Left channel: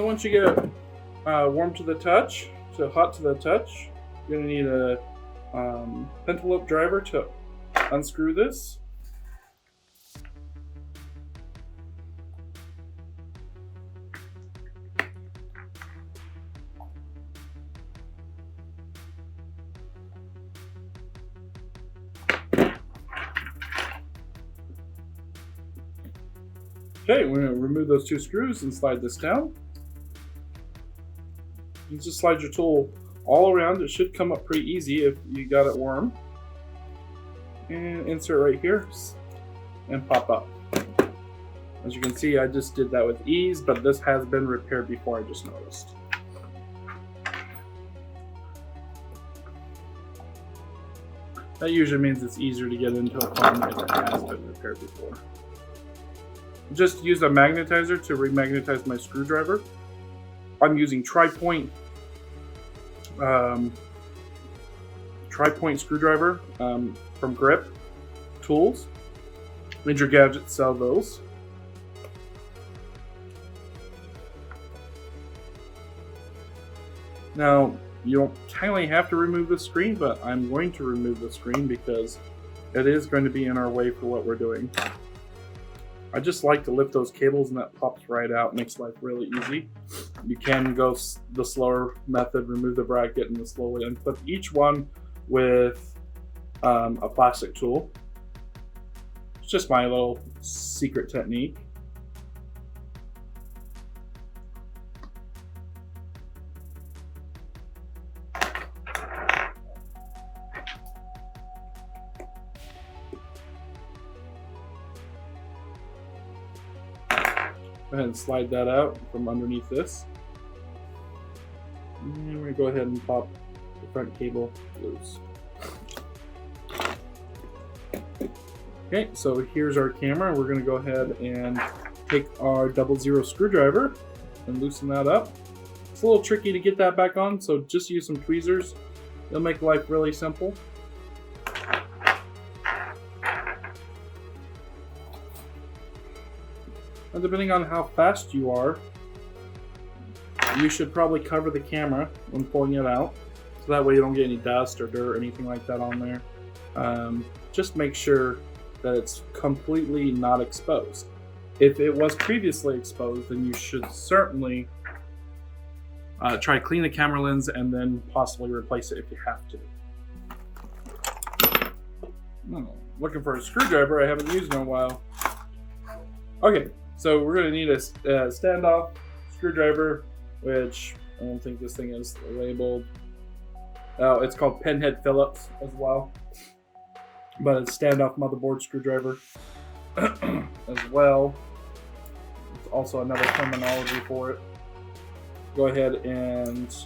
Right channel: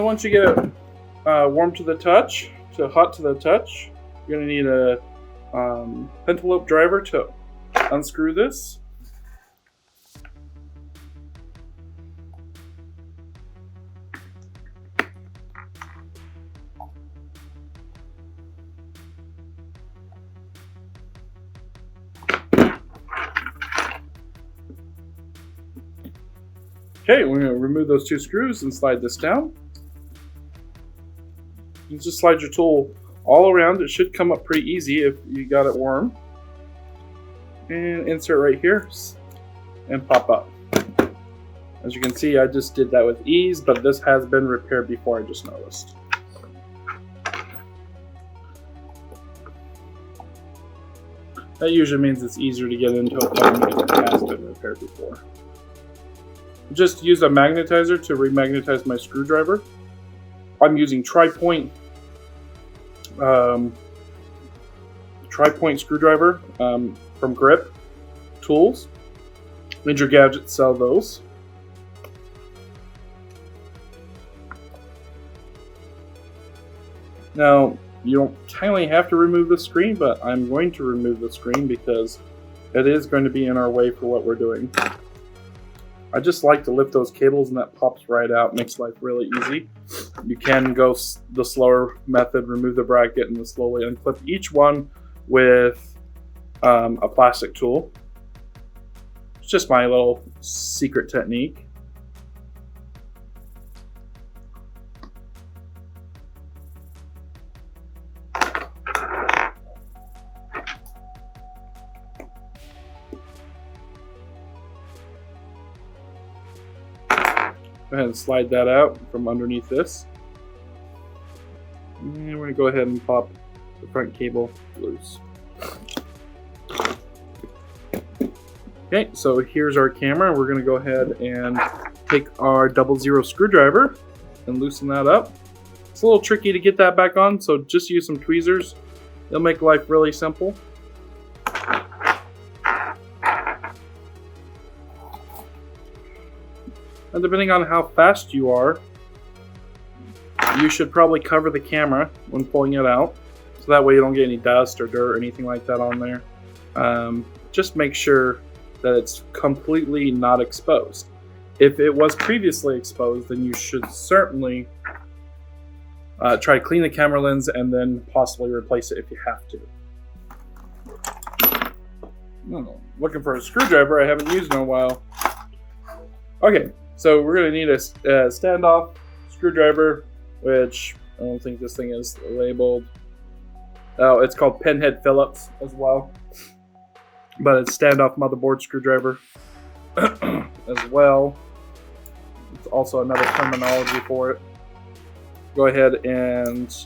So once you get it warm to the touch, to hot to the touch, you're going to need a pentalope driver to unscrew this. Okay, we're going to remove those two screws and slide this down. You just slide your tool all around. It should come up pretty easy if you got it warm. And insert right here and pop up. As you can see, I just did that with ease, but this has been repaired before, I just noticed. That usually means it's easier to get into a phone if it has been repaired before. Just use a magnetizer to remagnetize my screwdriver. I'm using tri-point screwdriver from Grip Tools. Ninja Gadgets sell those. Now, you don't kindly have to remove the screen, but I'm going to remove the screen because it is going to be in our way for what we're doing. I just like to lift those cables and that pops right out, makes life really easy. You can go the slower method, remove the bracket and slowly unclip each one with a plastic tool. It's just my little secret technique. Go ahead and slide that out from underneath this. And we're going to go ahead and pop the front cable loose. Okay, so here's our camera. We're going to go ahead and take our 00 screwdriver and loosen that up. It's a little tricky to get that back on, so just use some tweezers. They'll make life really simple. And depending on how fast you are, you should probably cover the camera when pulling it out, so that way you don't get any dust or dirt or anything like that on there. Just make sure that it's completely not exposed. If it was previously exposed, then you should certainly try to clean the camera lens and then possibly replace it if you have to. Looking for a screwdriver I haven't used in a while. Okay. So we're going to need a standoff screwdriver, which I don't think this thing is labeled. Oh, it's called Pinhead Phillips as well. But it's standoff motherboard screwdriver as well. It's also another terminology for it. Go ahead and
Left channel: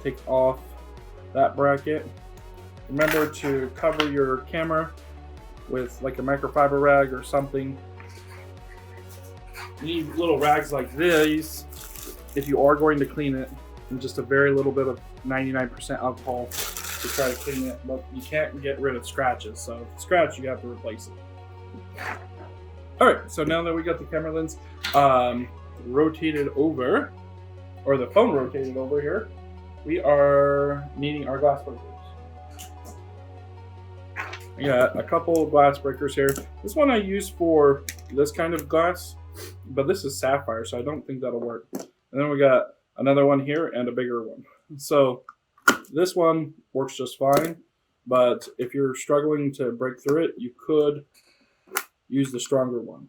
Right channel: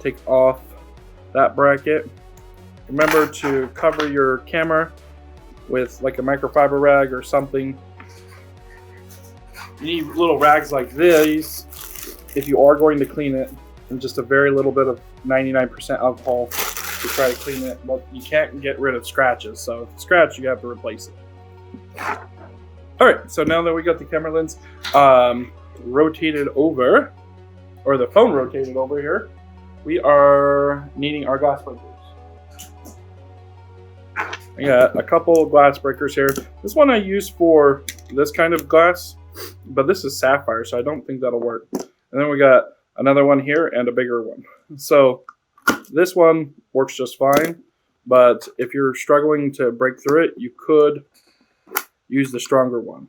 take off that bracket. Remember to cover your camera with like a microfiber rag or something. You need little rags like these if you are going to clean it, and just a very little bit of 99% alcohol to try to clean it, but you can't get rid of scratches, so if it's scratch, you have to replace it. Alright, so now that we got the camera lens rotated over, or the phone rotated over here, we are needing our glass breakers. I got a couple glass breakers here. This one I use for this kind of glass, but this is sapphire, so I don't think that'll work. And then we got another one here and a bigger one. So this one works just fine, but if you're struggling to break through it, you could use the stronger one.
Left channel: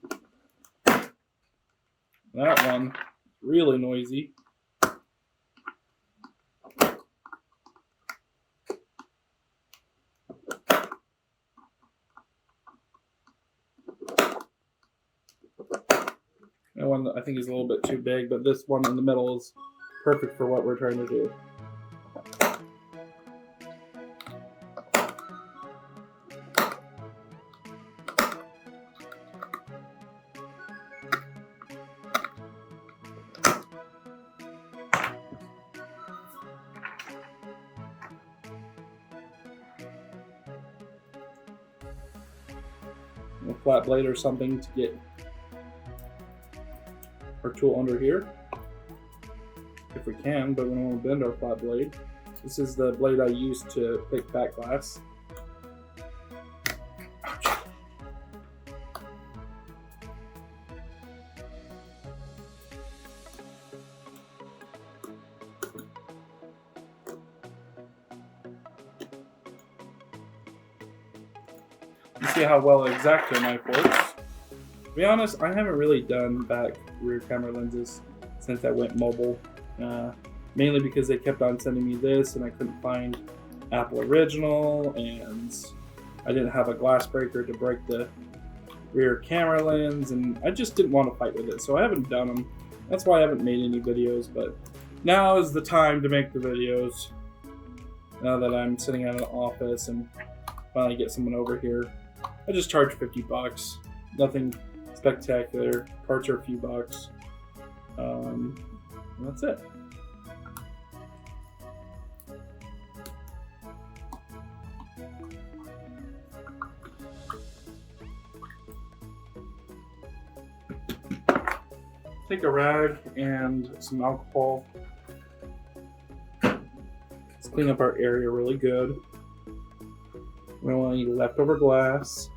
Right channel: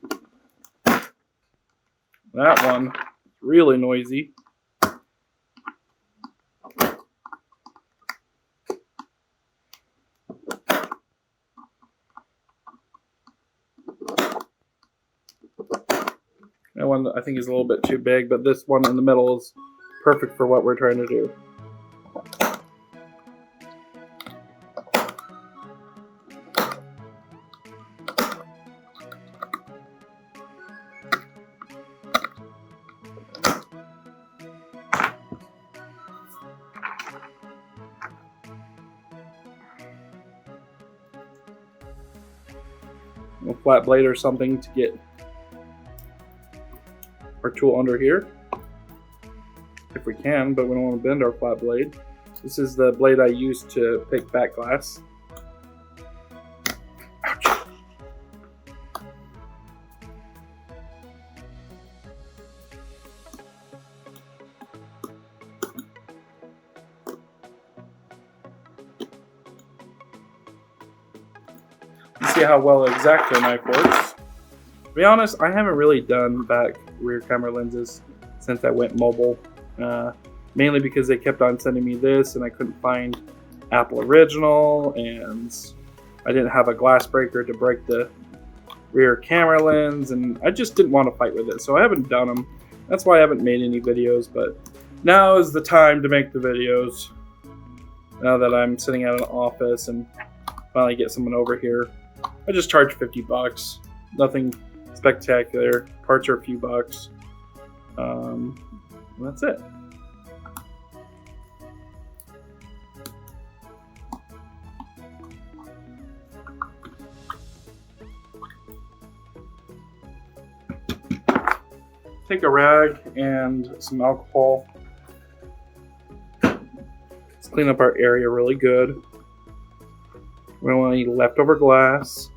That one is really noisy. That one I think is a little bit too big, but this one in the middle is perfect for what we're trying to do. A flat blade or something to get our tool under here. if we can, but we don't want to bend our flat blade. This is the blade I use to pick back glass. Ouch. You see how well an X-Acto knife works. To be honest, I haven't really done back rear camera lenses since I went mobile. Mainly because they kept on sending me this and I couldn't find Apple Original, and I didn't have a glass breaker to break the rear camera lens, and I just didn't want to fight with it, so I haven't done them. That's why I haven't made any videos, but now is the time to make the videos. Now that I'm sitting at an office and finally get someone over here. I just charge 50 bucks. Nothing spectacular. Parts are a few bucks. That's it. Take a rag and some alcohol. Let's clean up our area really good. We don't want any leftover glass.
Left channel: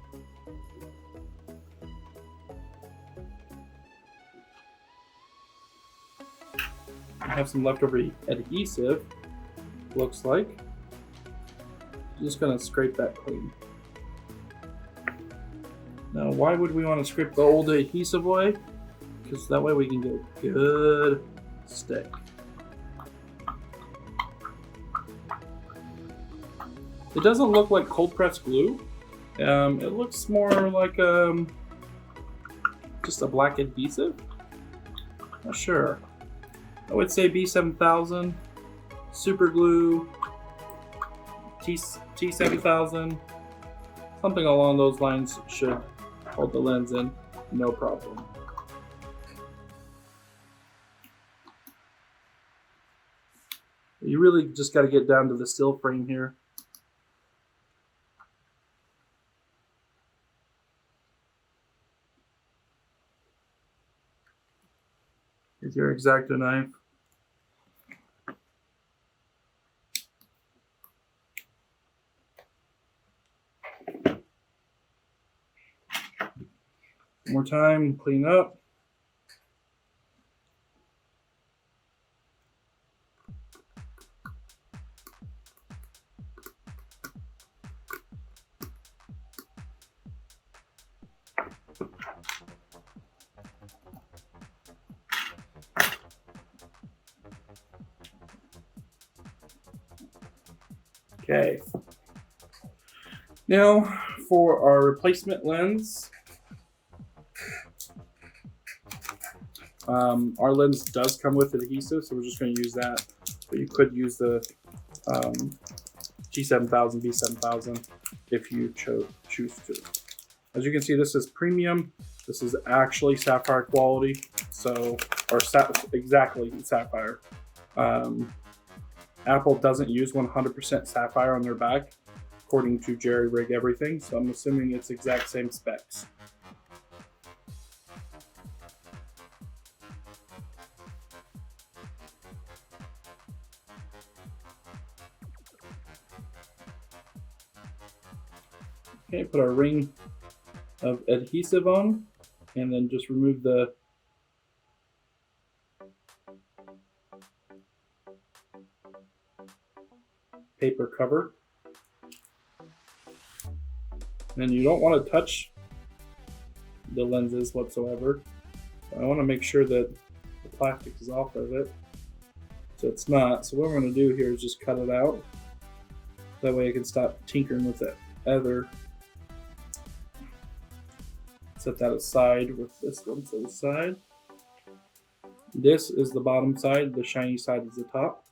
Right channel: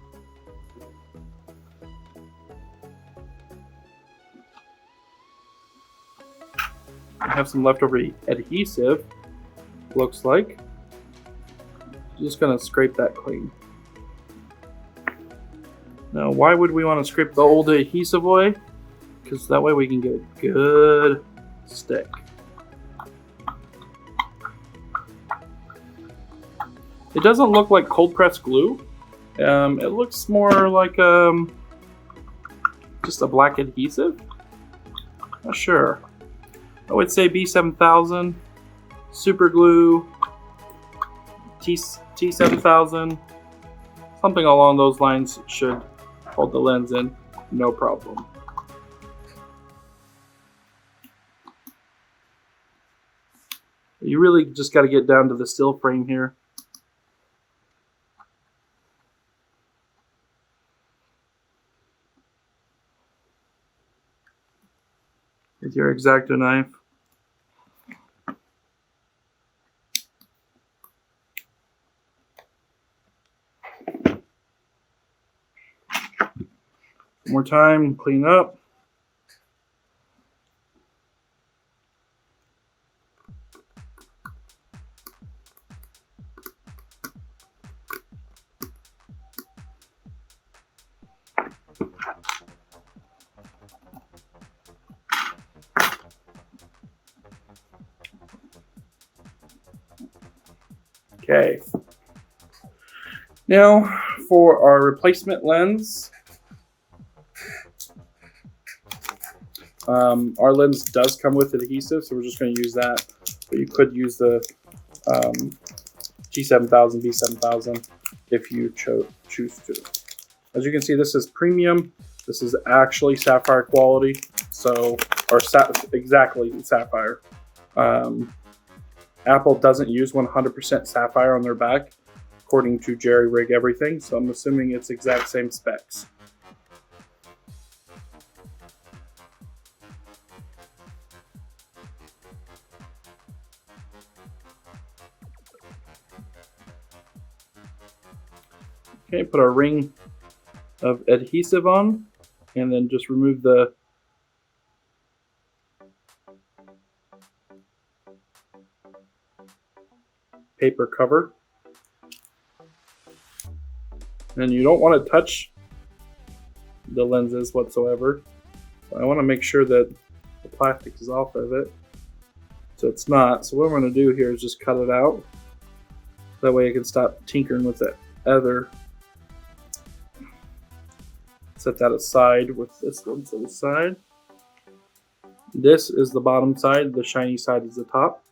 I have some leftover adhesive, looks like. Just gonna scrape that clean. Now, why would we want to scrape the old adhesive away? Because that way we can get a good stick. It doesn't look like cold pressed glue. It looks more like just a black adhesive. Not sure. I would say B7000, super glue, T7000, something along those lines should hold the lens in, no problem. You really just got to get down to the still frame here. With your X-Acto knife. One more time, clean up. Okay. Now for our replacement lens. Our lens does come with adhesive, so we're just going to use that. But you could use the G7000, B7000 if you choose to. As you can see, this is premium. This is actually sapphire quality, so exactly sapphire. Apple doesn't use 100% sapphire on their back, according to Jerry Rig Everything, so I'm assuming it's exact same specs. Okay, put our ring of adhesive on, and then just remove the paper cover. And you don't want to touch the lenses whatsoever. I want to make sure that the plastic is off of it. So it's not. So what we're going to do here is just cut it out. That way I can stop tinkering with that other. Set that aside with this one to the side. This is the bottom side. The shiny side is the top.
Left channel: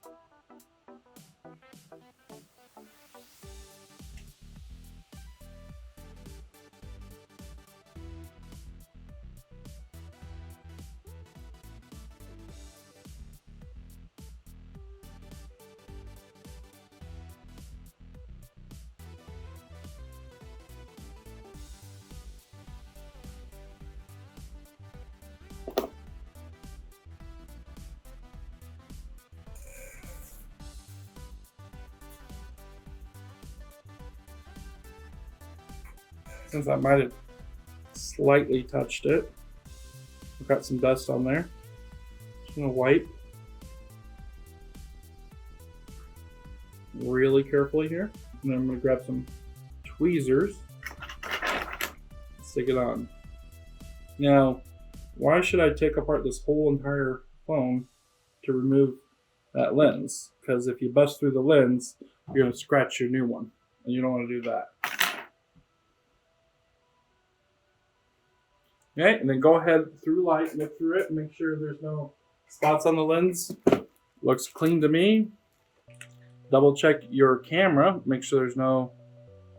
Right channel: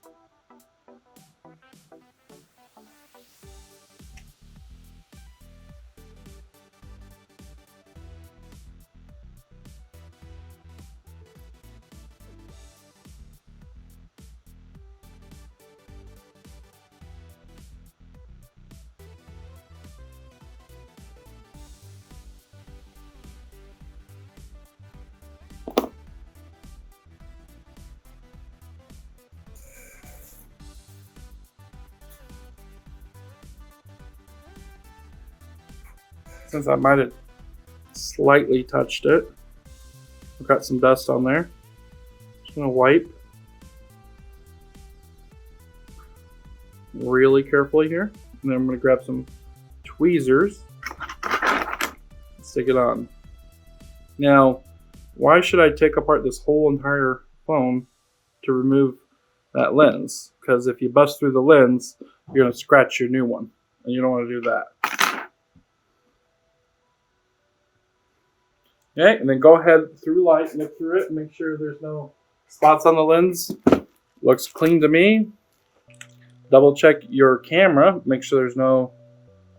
since I might have slightly touched it. I've got some dust on there. Just gonna wipe really carefully here. And then I'm gonna grab some tweezers, stick it on. Now, why should I take apart this whole entire phone to remove that lens? Because if you bust through the lens, you're gonna scratch your new one, and you don't wanna do that. Okay, and then go ahead through light, look through it, and make sure there's no spots on the lens. Looks clean to me. Double check your camera, make sure there's no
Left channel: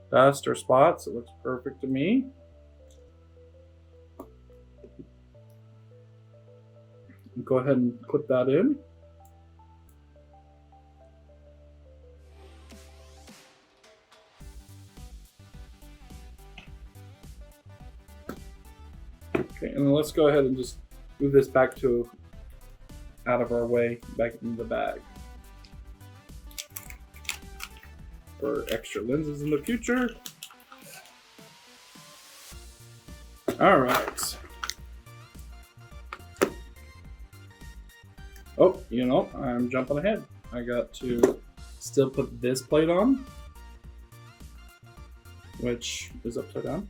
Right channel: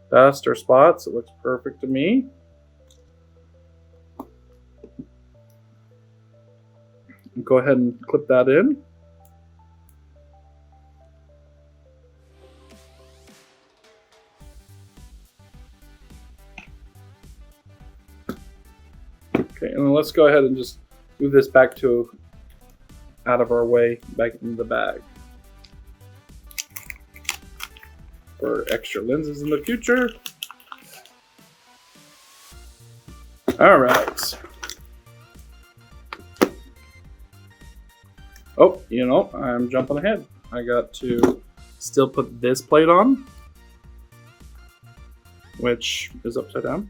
dust or spots. It looks perfect to me. Go ahead and clip that in. Okay, and then let's go ahead and just move this back to out of our way, back into the bag. For extra lenses in the future. All right. Oh, you know, I'm jumping ahead. I got to still put this plate on, which is upside down.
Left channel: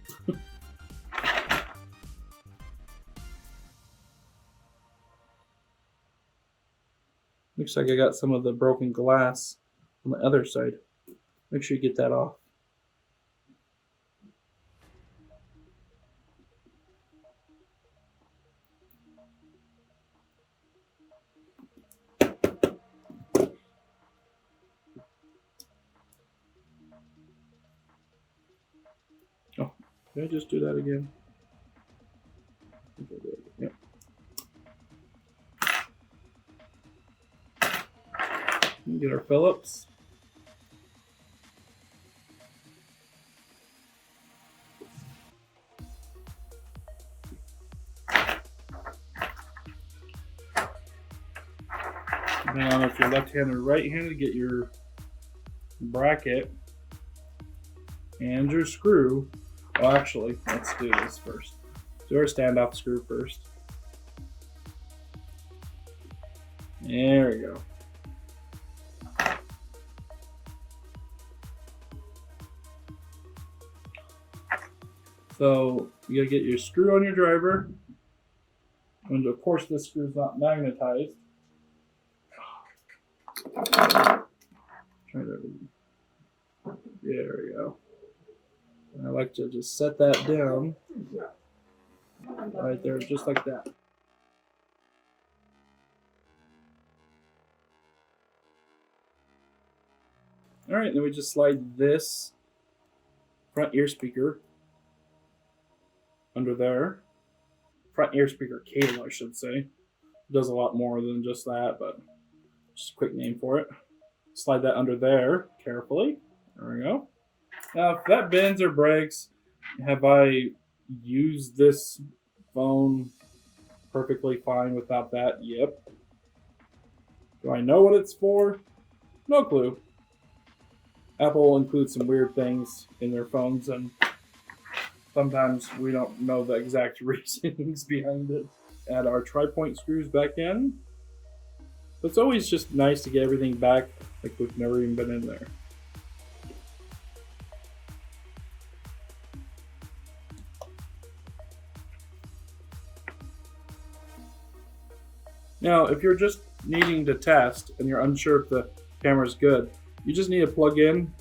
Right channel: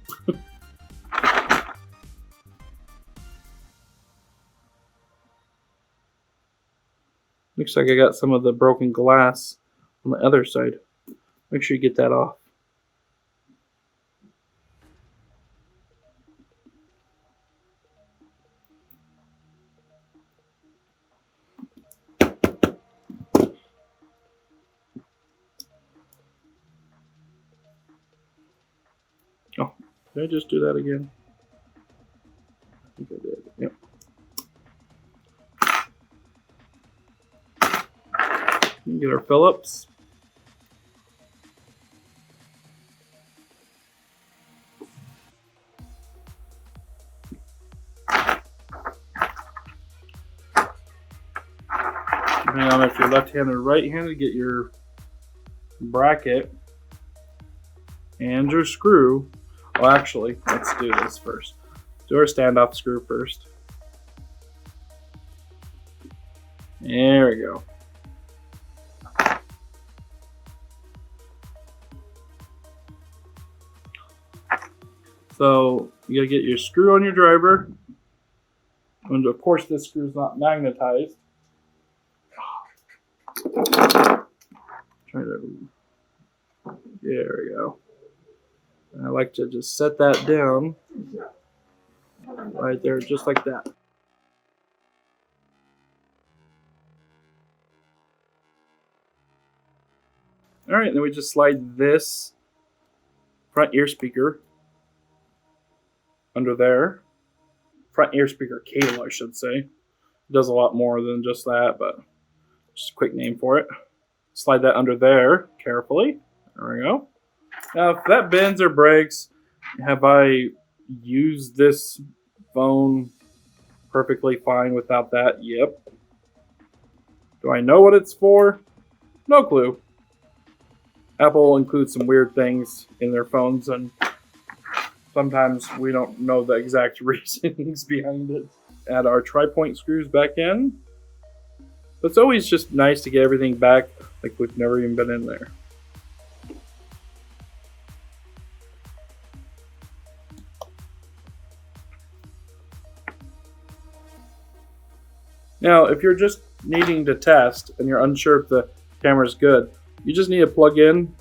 Looks like I got some of the broken glass on the other side. Make sure you get that off. Oh, did I just do that again? I think I did. Yep. Get our Phillips. Depending on if you're left-handed or right-handed, get your bracket and your screw. Well, actually, let's do this first. Do our standoff screw first. There we go. So you gotta get your screw on your driver. And of course this screw is not magnetized. There we go. And I like to just set that down right there, just like that. All right, then we just slide this front ear speaker under there. Front ear speaker cable, I should say. It does a lot more than just that, but just a quick name for it. Slide that under there carefully. There we go. Now, if that bends or breaks, have I used this phone perfectly fine without that? Yep. Do I know what it's for? No clue. Apple includes some weird things in their phones, and sometimes we don't know the exact reasonings behind it. Add our tri-point screws back in. But it's always just nice to get everything back like we've never even been in there. Now, if you're just needing to test and you're unsure if the camera is good, you just need to plug in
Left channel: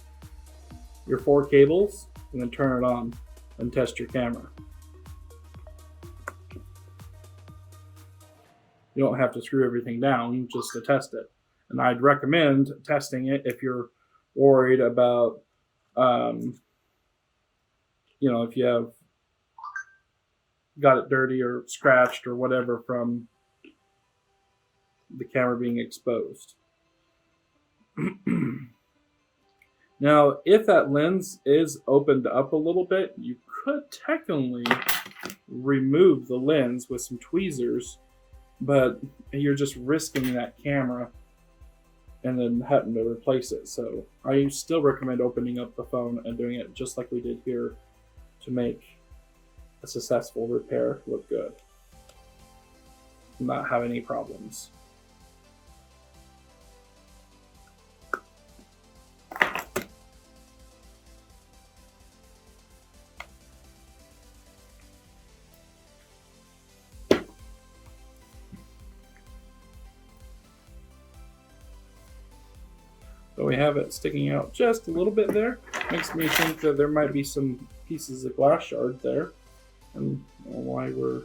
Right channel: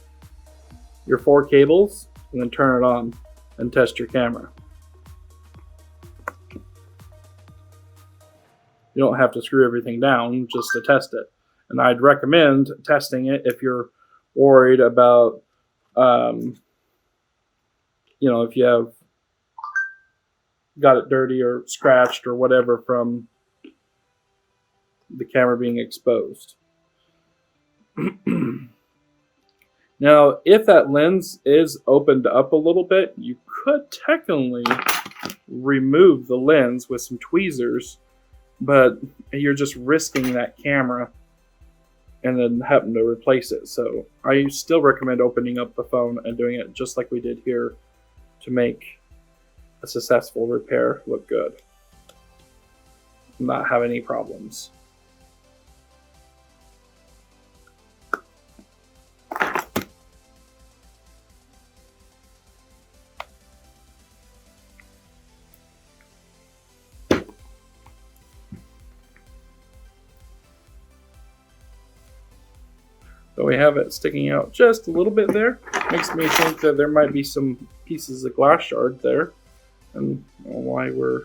your 4 cables and then turn it on and test your camera. You don't have to screw everything down just to test it. And I'd recommend testing it if you're worried about, if you have got it dirty or scratched or whatever from the camera being exposed. Now, if that lens is opened up a little bit, you could technically remove the lens with some tweezers, but you're just risking that camera and then having to replace it. So I still recommend opening up the phone and doing it just like we did here. to make a successful repair look good, not have any problems. So we have it sticking out just a little bit there. Makes me think that there might be some pieces of glass shard there. And why we're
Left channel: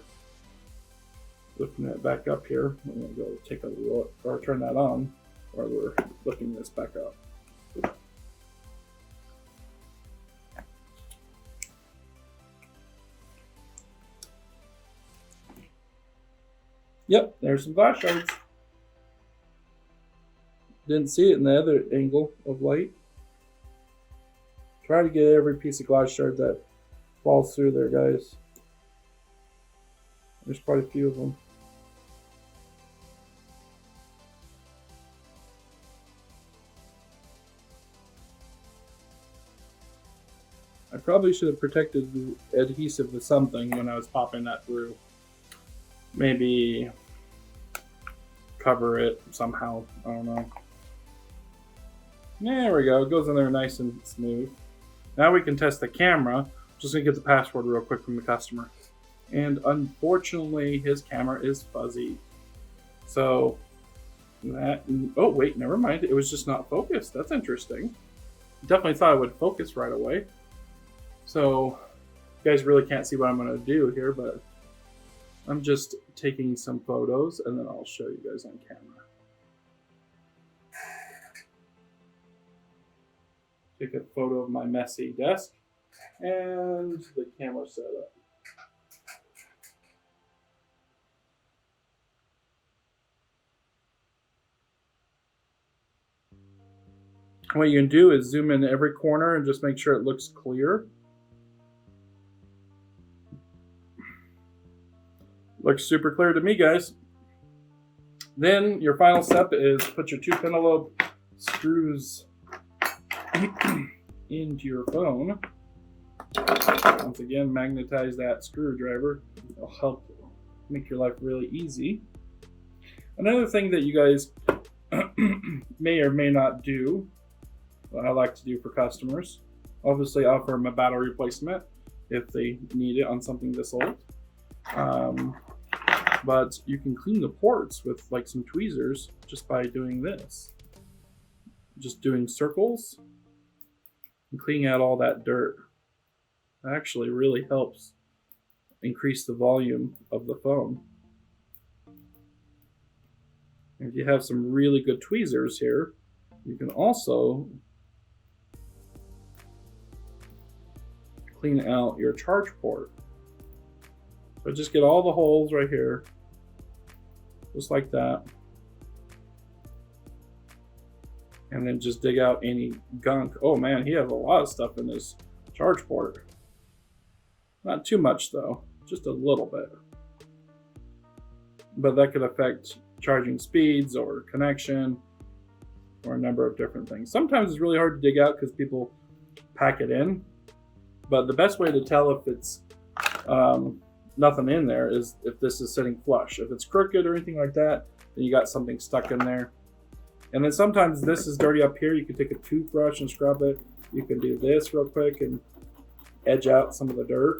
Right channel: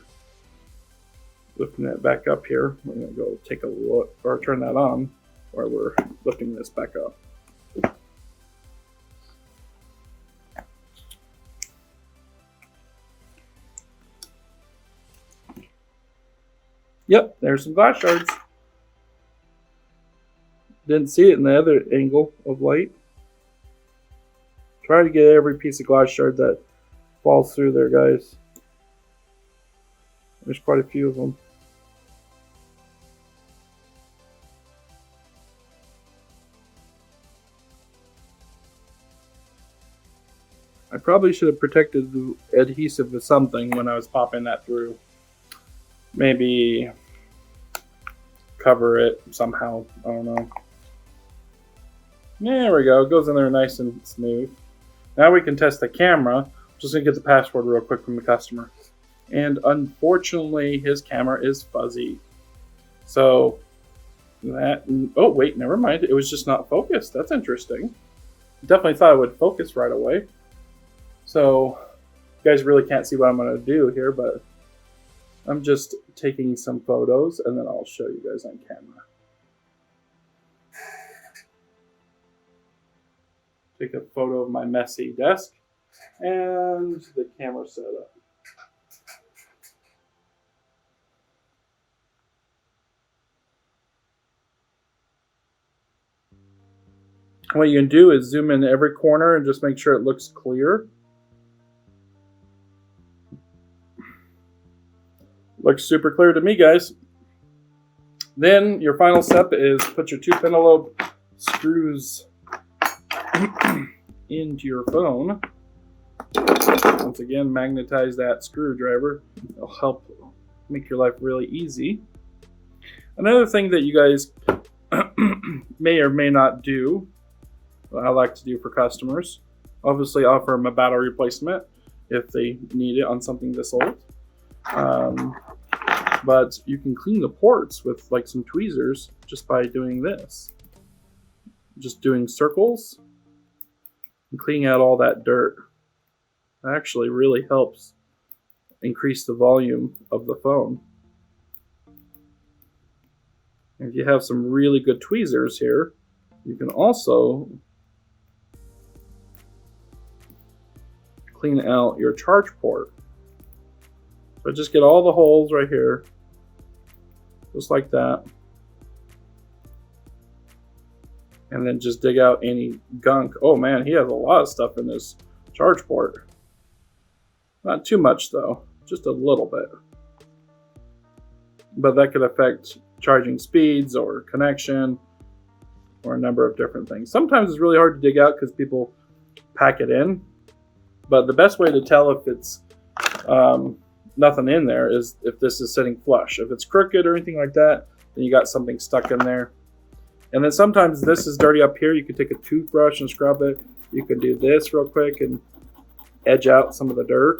lifting it back up here, we're going to go take a look, or turn that on while we're lifting this back up. Yep, there's some glass shards. Didn't see it in the other angle of light. Try to get every piece of glass shard that falls through there, guys. There's quite a few of them. I probably should have protected the adhesive with something when I was popping that through. Maybe cover it somehow. I don't know. There we go. It goes in there nice and smooth. Now we can test the camera. Just gonna get the password real quick from the customer. And unfortunately, his camera is fuzzy. So that, oh wait, never mind. It was just not focused. That's interesting. Definitely thought it would focus right away. So you guys really can't see what I'm gonna do here, but I'm just taking some photos and then I'll show you guys on camera. Take a photo of my messy desk and the camera setup. What you can do is zoom in every corner and just make sure it looks clear. Looks super clear to me, guys. Then your final step is put your two pentalobe screws into your phone. Once again, magnetize that screwdriver. It'll help make your life really easy. Another thing that you guys may or may not do, what I like to do for customers, obviously offer them a battery replacement if they need it on something this old. But you can clean the ports with like some tweezers just by doing this. Just doing circles and cleaning out all that dirt. That actually really helps increase the volume of the phone. If you have some really good tweezers here, you can also clean out your charge port. So just get all the holes right here, just like that. And then just dig out any gunk. Oh man, he has a lot of stuff in this charge port. Not too much though, just a little bit. But that could affect charging speeds or connection or a number of different things. Sometimes it's really hard to dig out because people pack it in. But the best way to tell if it's nothing in there is if this is sitting flush. If it's crooked or anything like that, then you got something stuck in there. And then sometimes this is dirty up here. You can take a toothbrush and scrub it. You can do this real quick and edge out some of the dirt.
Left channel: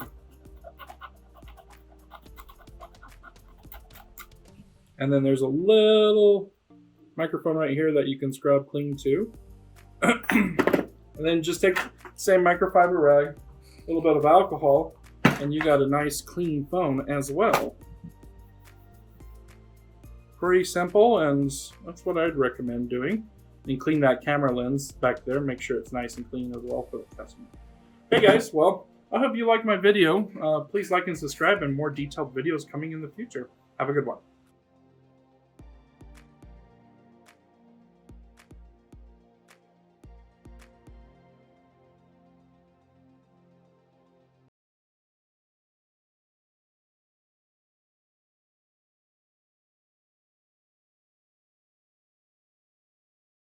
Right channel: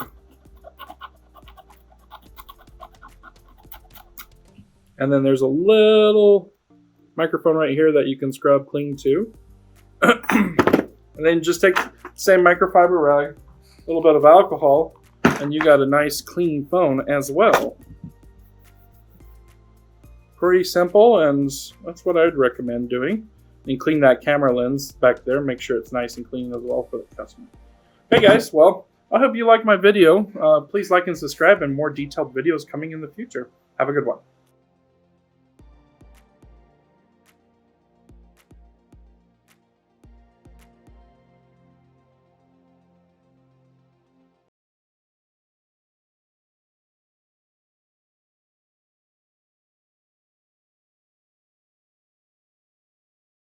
And then there's a little microphone right here that you can scrub clean too. And then just take the same microfiber rag, a little bit of alcohol, and you got a nice clean phone as well. Pretty simple, and that's what I'd recommend doing. And clean that camera lens back there, make sure it's nice and clean as well for the customer. Hey guys, well, I hope you like my video. Please like and subscribe, and more detailed videos coming in the future. Have a good one.